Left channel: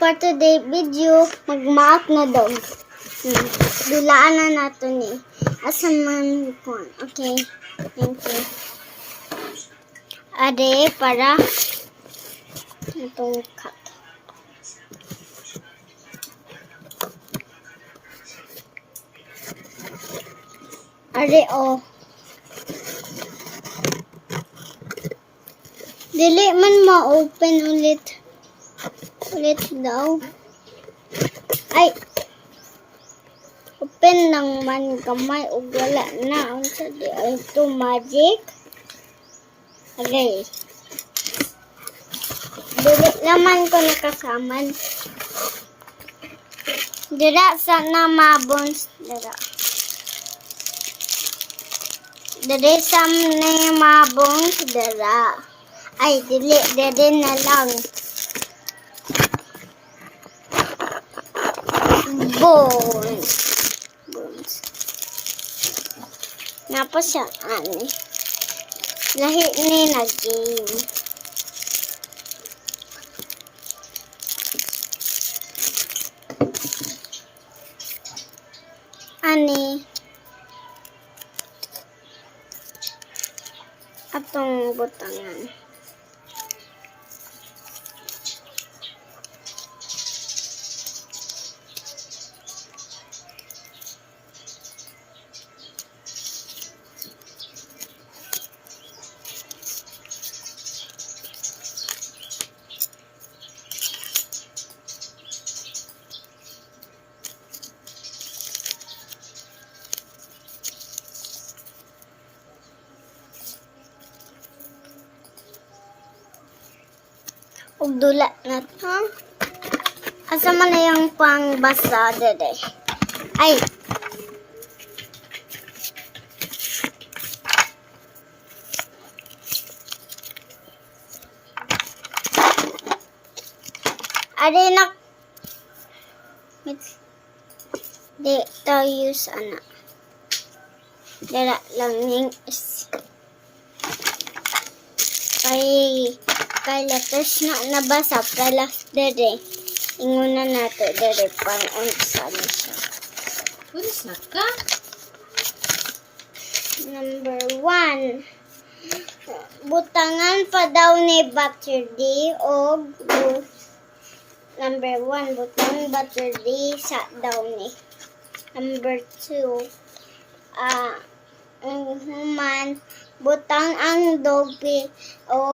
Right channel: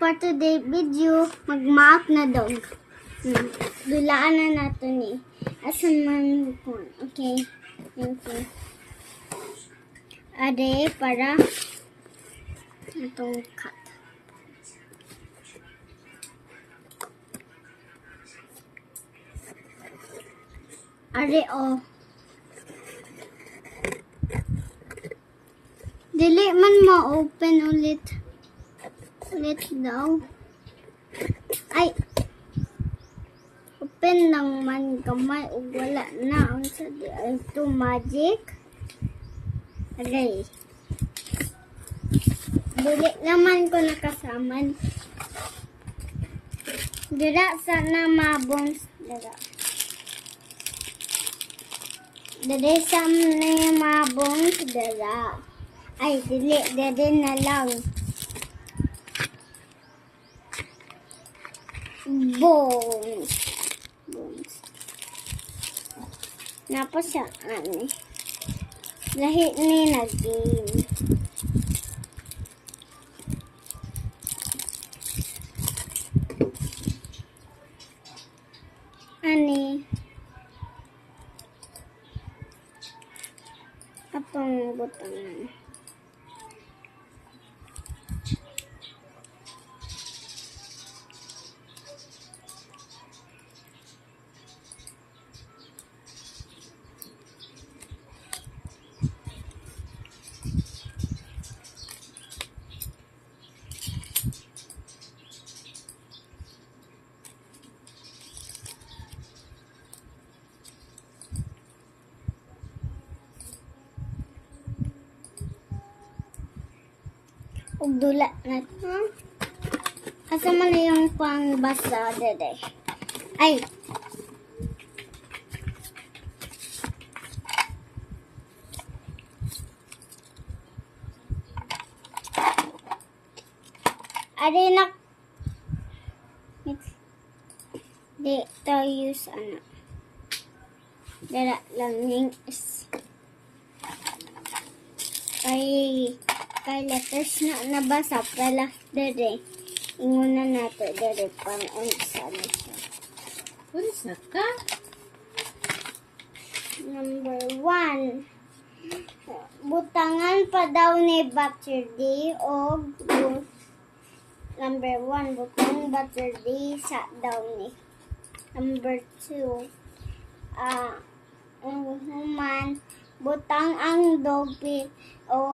for today video, mag-mouth na dog. Dulaan na nato ni. Asa man ko. Okay. Thank you. Ade para itong cut. Ade oh. Dili man ma-open ulit. Ulit daw. Ay. Open lang man kamay o wala na. Unsa di ay ito magic. Okay. Dili naman ko nakasaman. Dira sana mabons. Dira sa na mabons. Dira. Ay, dili. Dili na lang. Bones. Napa siya, ani. Lahi ni na game. Ani. Atong butangan. Ug dula na to. Asa man na yung pangbasa dede. Ay. Ade nak. Di tayo use ana. Dala lang ning is. Kay letters na nabasa pala dere. Inguna nato dere pang unsa na siya. Pulis na ka? Number 1. Butangan pa daw ni Battery o number 1 butang Battery sa daw ni. Number 2 ang human butang ang dog o